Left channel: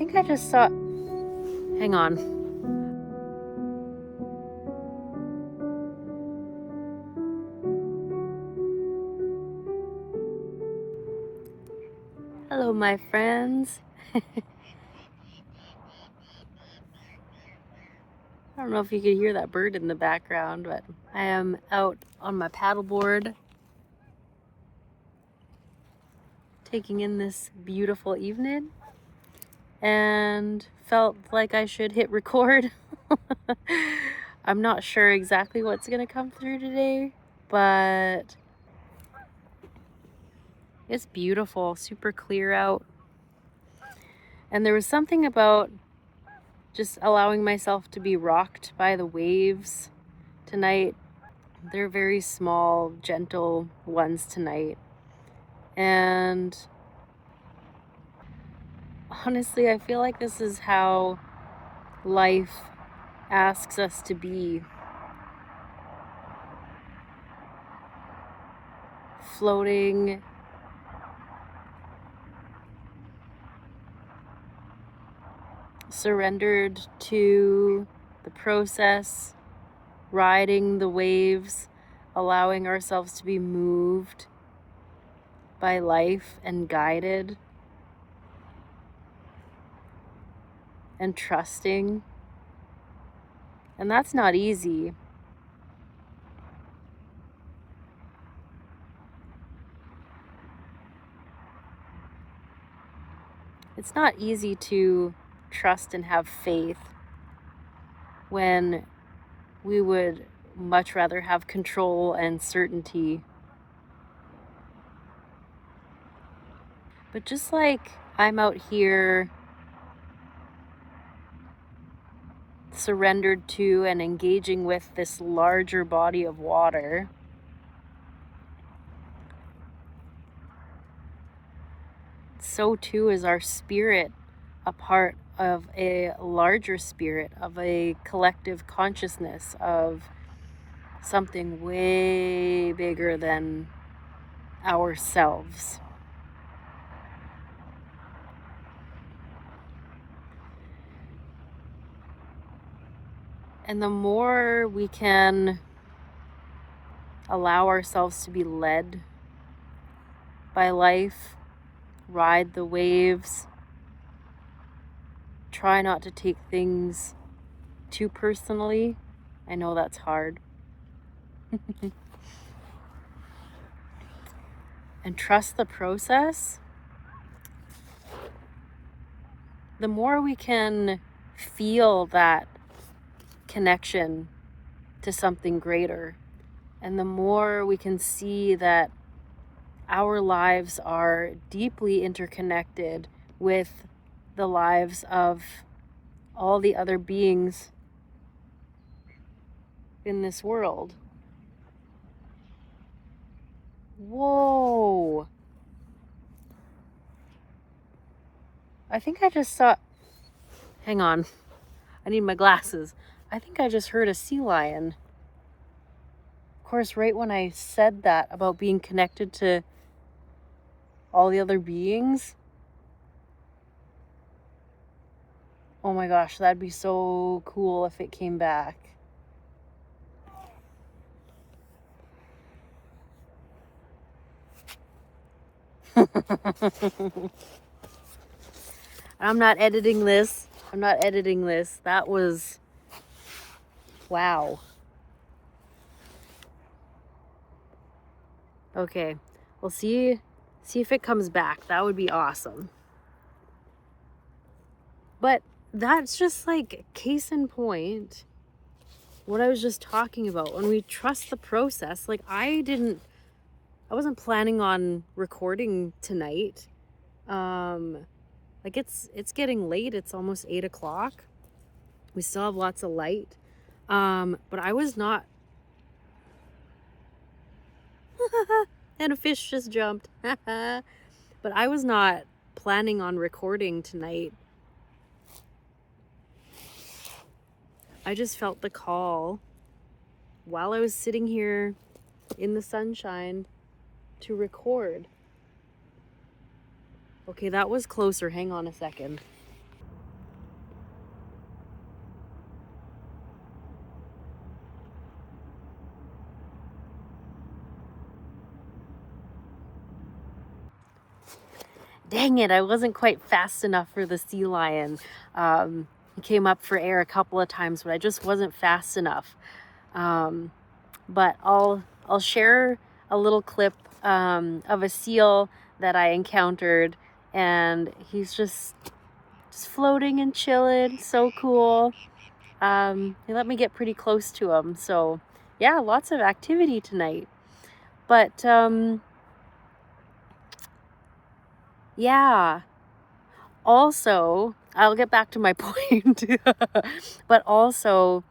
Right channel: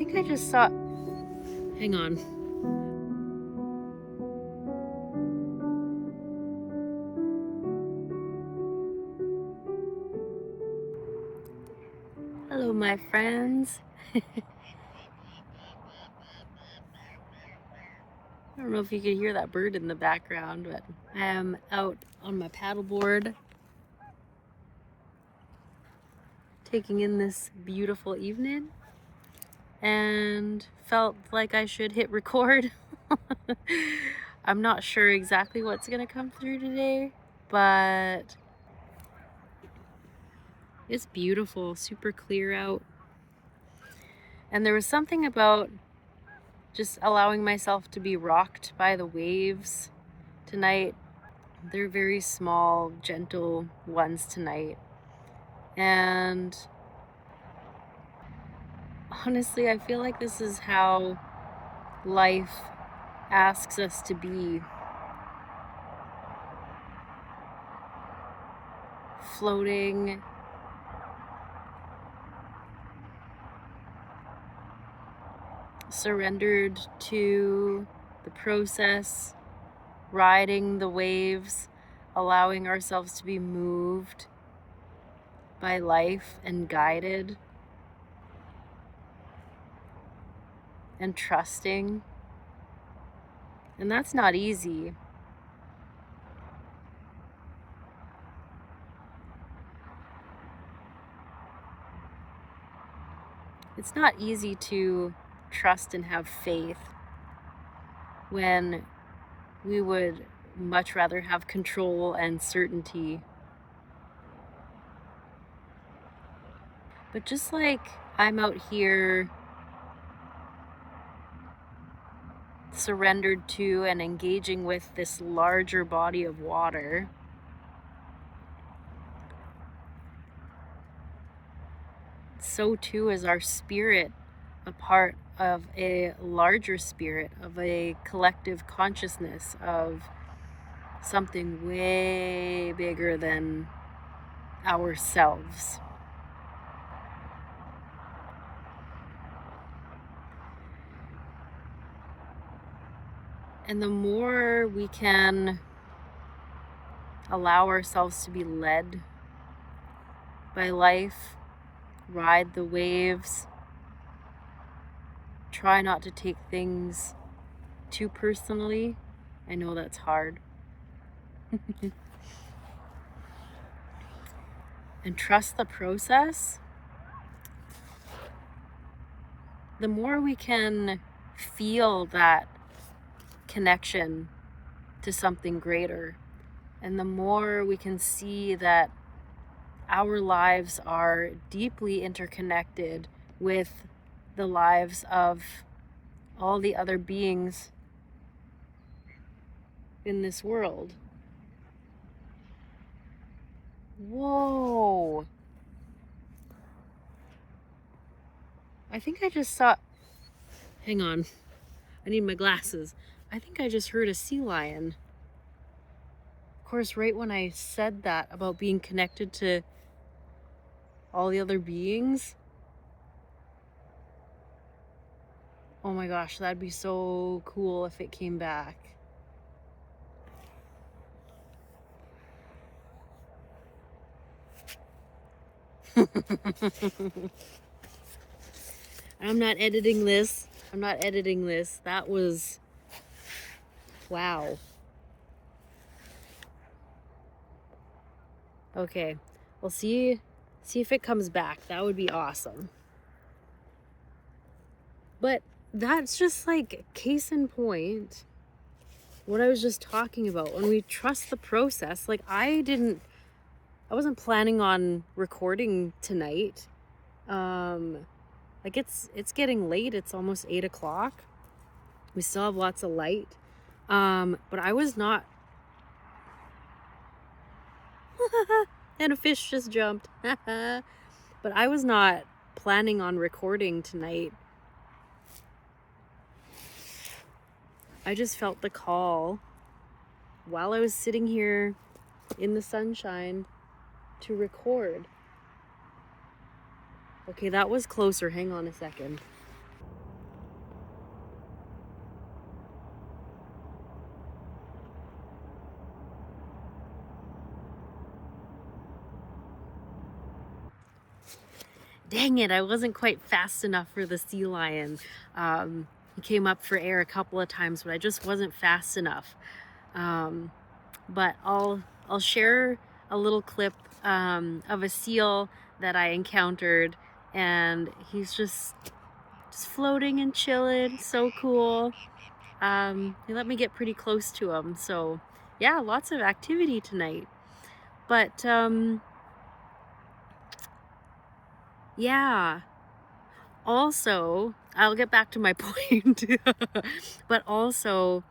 think I just saw... Hang on. Hello, my friends. I don't know if you can hear that bird in the background, but I am out on my paddleboard taking in this beautiful evening and felt like I should hit record. I'm not sure exactly what's gonna come through today, but it's beautiful, super clear out. And there was something about just allowing myself to be rocked by the waves tonight. They're very small, gentle ones tonight. And honestly, I feel like this is how life asks us to be. Floating, surrendered to the process, riding the waves, allowing ourselves to be moved by life and guided, and trusting. And that's not easy. It's not easy to trust and have faith when we would much rather have control and certainty. But just like I'm out here surrendered to and engaging with this larger body of water, so too is our spirit a part of a larger spirit, of a collective consciousness, of something way bigger than ourselves. And the more we can allow ourselves to be led by life, ride the waves, try not to take things too personally. I know that's hard. And trust the process. The more we can feel that connection to something greater, and the more we can see that our lives are deeply interconnected with the lives of all the other beings in this world. Whoa. I think I just saw... Hang on. I need my glasses. I think I just heard a sea lion. Of course, right when I said that about being connected to all the other beings. Oh my gosh, that'd be so cool if it came back. I'm not editing this. That was... wow. Okay, we'll see if it comes back. That would be awesome. But that's just like case in point what I was just talking about. When we trust the process, like I wasn't planning on recording tonight. Like it's getting late. It's almost 8 o'clock. We still have lots of light. But I was not... and a fish just jumped. But I was not planning on recording tonight. I just felt the call while I was sitting here in the sunshine to record. Okay, that was closer. Hang on a second. dang it, I wasn't quite fast enough for the sea lion. He came up for air a couple of times, but I just wasn't fast enough. But I'll share a little clip of a seal that I encountered, and he's just floating and chilling. So cool. He let me get pretty close to him. So yeah, lots of activity tonight. But yeah, also, I'll get back to my point. But also,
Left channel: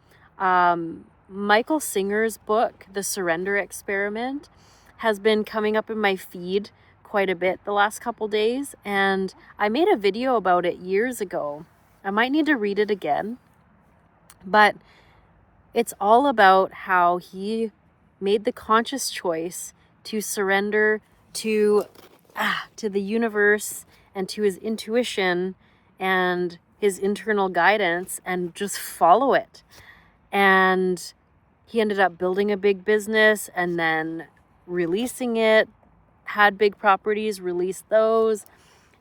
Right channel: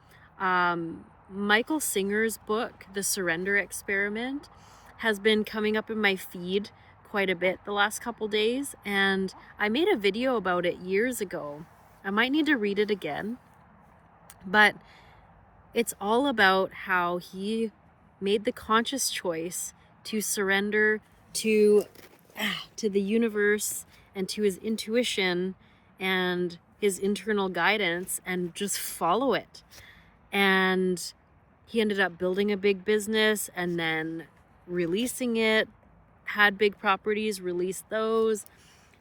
Michael Singer's book, The Surrender Experiment, has been coming up in my feed quite a bit the last couple days, and I made a video about it years ago. I might need to read it again, but it's all about how he made the conscious choice to surrender to the universe and to his intuition and his internal guidance and just follow it. And he ended up building a big business and then releasing it, had big properties, released those.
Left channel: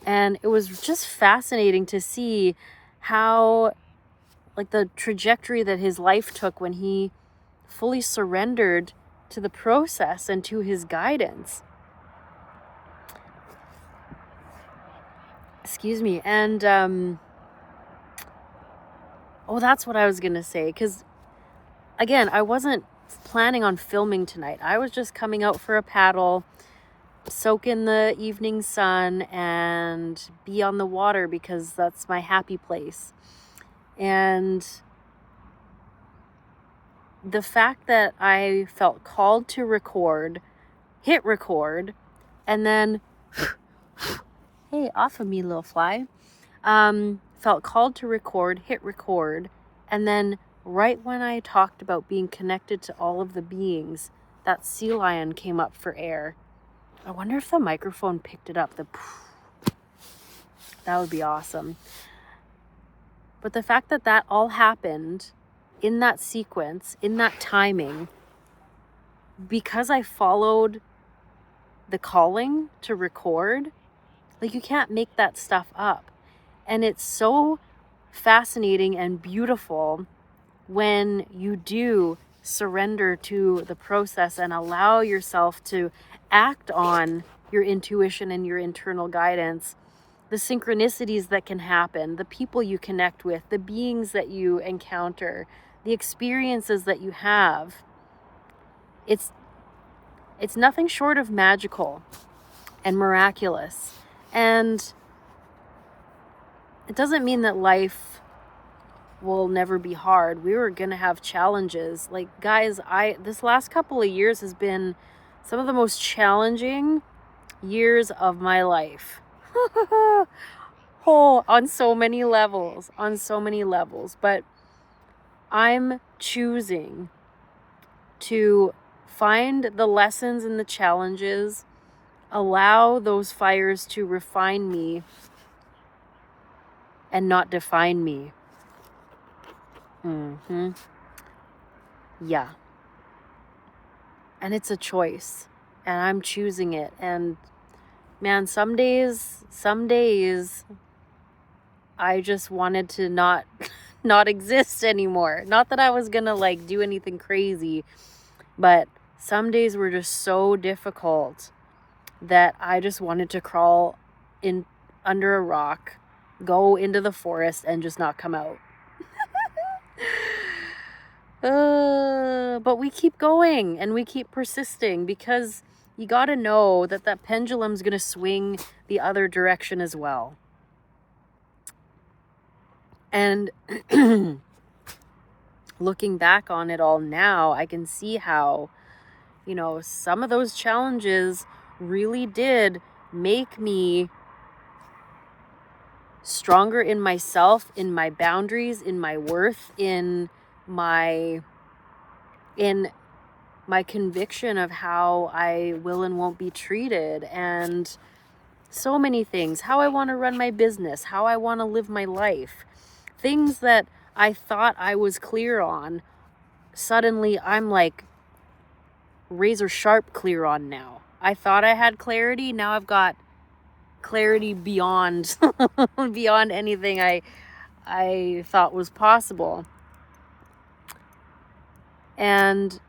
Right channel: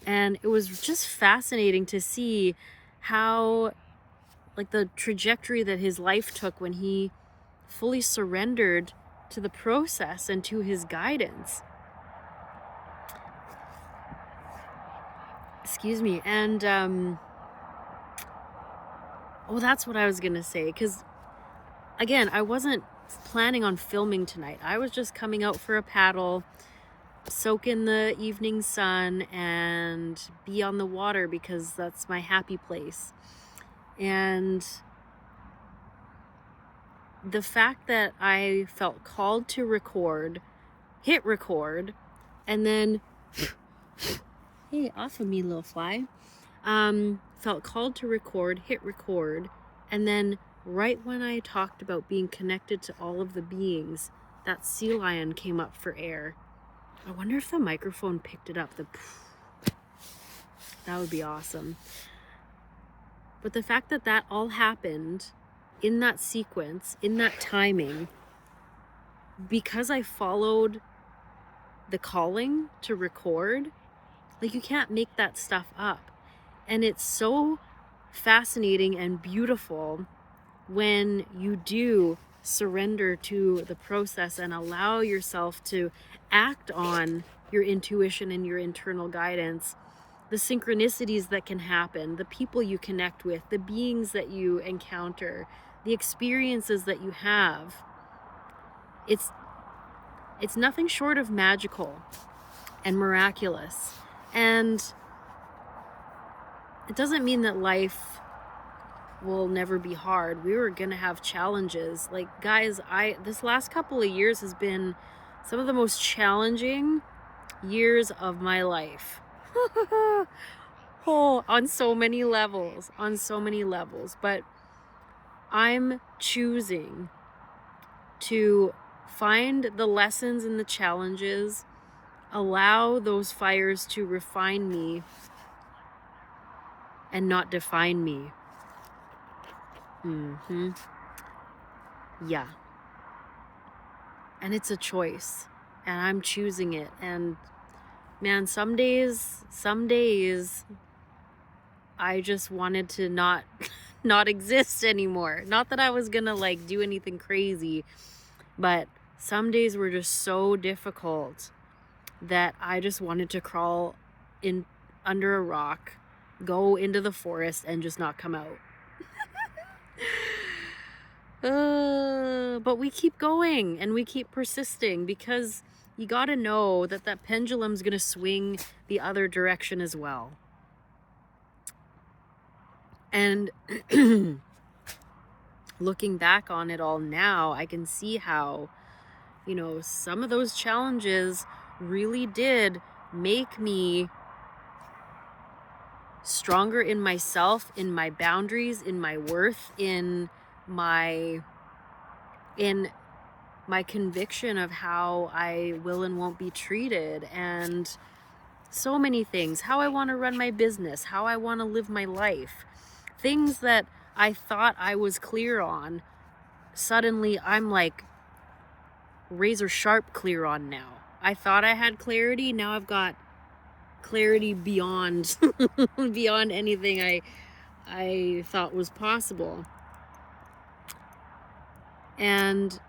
And it was just fascinating to see how, like, the trajectory that his life took when he fully surrendered to the process and to his guidance. Excuse me. And that's what I was gonna say, because again, I wasn't planning on filming tonight. I was just coming out for a paddle, soak in the evening sun, and be on the water because that's my happy place. And the fact that I felt called to record, hit record, and then hey, off of me, little fly. Felt called to record, hit record, and then right when I talked about being connected to all of the beings, that sea lion came up for air. I wonder if the microphone picked it up. That would be awesome. But the fact that that all happened in that sequence, in that timing, because I followed the calling to record, like, you can't make that stuff up. And it's so fascinating and beautiful when you do surrender to the process and allow yourself to act on your intuition and your internal guidance, the synchronicities that can happen, the people you connect with, the beings that you encounter, the experiences that you have. It's nothing short of magical and miraculous. And it doesn't mean that life will never be hard. We were going to have challenges. Like, guys, this last couple of years has been some of the most challenging years of my life. On so many levels. But I'm choosing to find the lessons and the challenges, allow those fires to refine me and not define me. Yeah. And it's a choice, and I'm choosing it. And man, some days I just wanted to not exist anymore. Not that I was gonna like do anything crazy, but some days were just so difficult that I just wanted to crawl in under a rock, go into the forest, and just not come out. But we keep going and we keep persisting, because you gotta know that that pendulum's gonna swing the other direction as well. And looking back on it all now, I can see how, some of those challenges really did make me stronger in myself, in my boundaries, in my worth, in my conviction of how I will and won't be treated, and so many things, how I want to run my business, how I want to live my life, things that I thought I was clear on, suddenly I'm like razor sharp clear on now. I thought I had clarity, now I've got clarity beyond beyond anything I thought was possible. And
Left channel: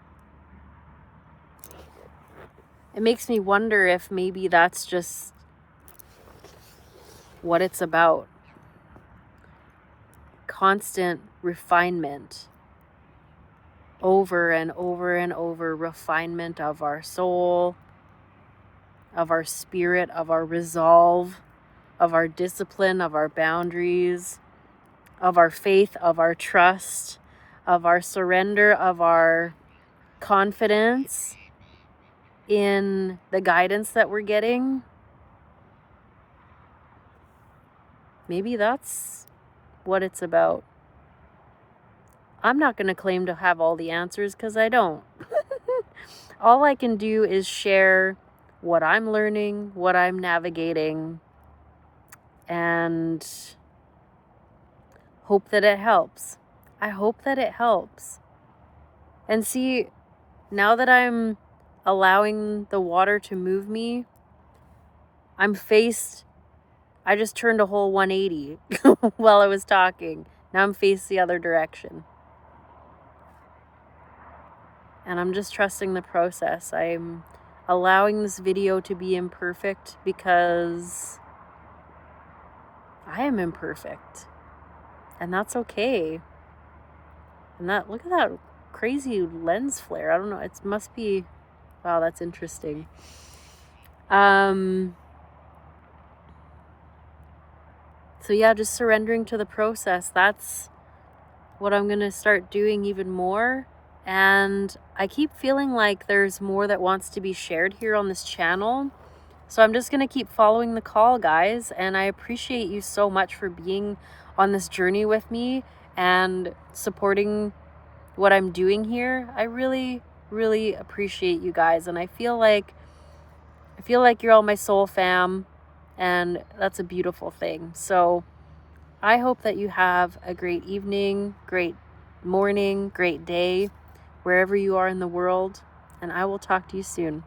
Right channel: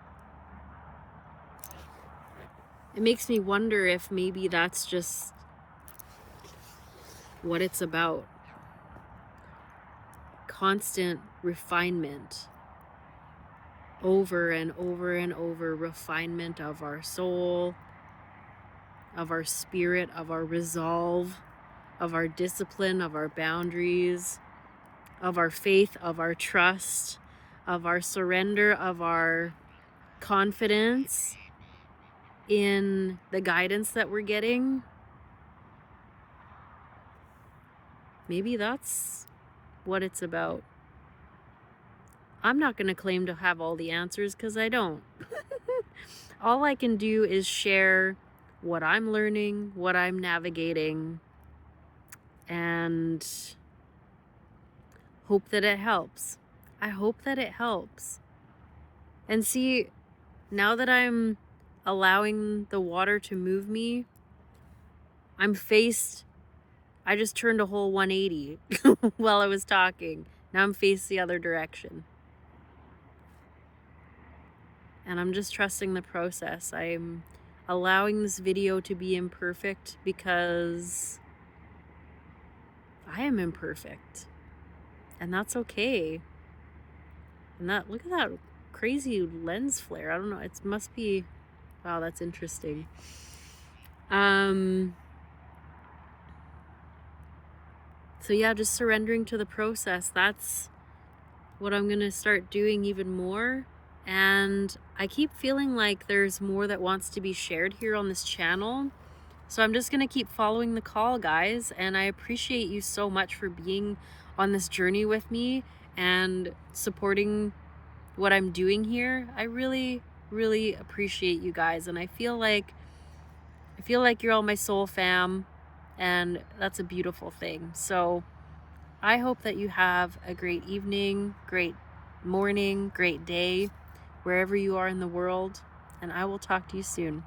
it makes me wonder if maybe that's just what it's about. Constant refinement. Over and over and over, refinement of our soul, of our spirit, of our resolve, of our discipline, of our boundaries, of our faith, of our trust, of our surrender, of our confidence in the guidance that we're getting. Maybe that's what it's about. I'm not going to claim to have all the answers because I don't. All I can do is share what I'm learning, what I'm navigating, and hope that it helps. I hope that it helps. And see, now that I'm allowing the water to move me, I just turned a whole 180 while I was talking. Now I'm faced the other direction. And I'm just trusting the process. I'm allowing this video to be imperfect because I am imperfect. And that's okay. And look at that crazy lens flare. I don't know. It must be, wow, that's interesting. So yeah, just surrendering to the process. That's what I'm going to start doing even more. And I keep feeling like there's more that wants to be shared here on this channel. So I'm just going to keep following the call, guys. And I appreciate you so much for being on this journey with me and supporting what I'm doing here. I really, really appreciate you guys. And I feel like you're all my soul fam. And that's a beautiful thing. So I hope that you have a great evening, great morning, great day, wherever you are in the world, and I will talk to you soon.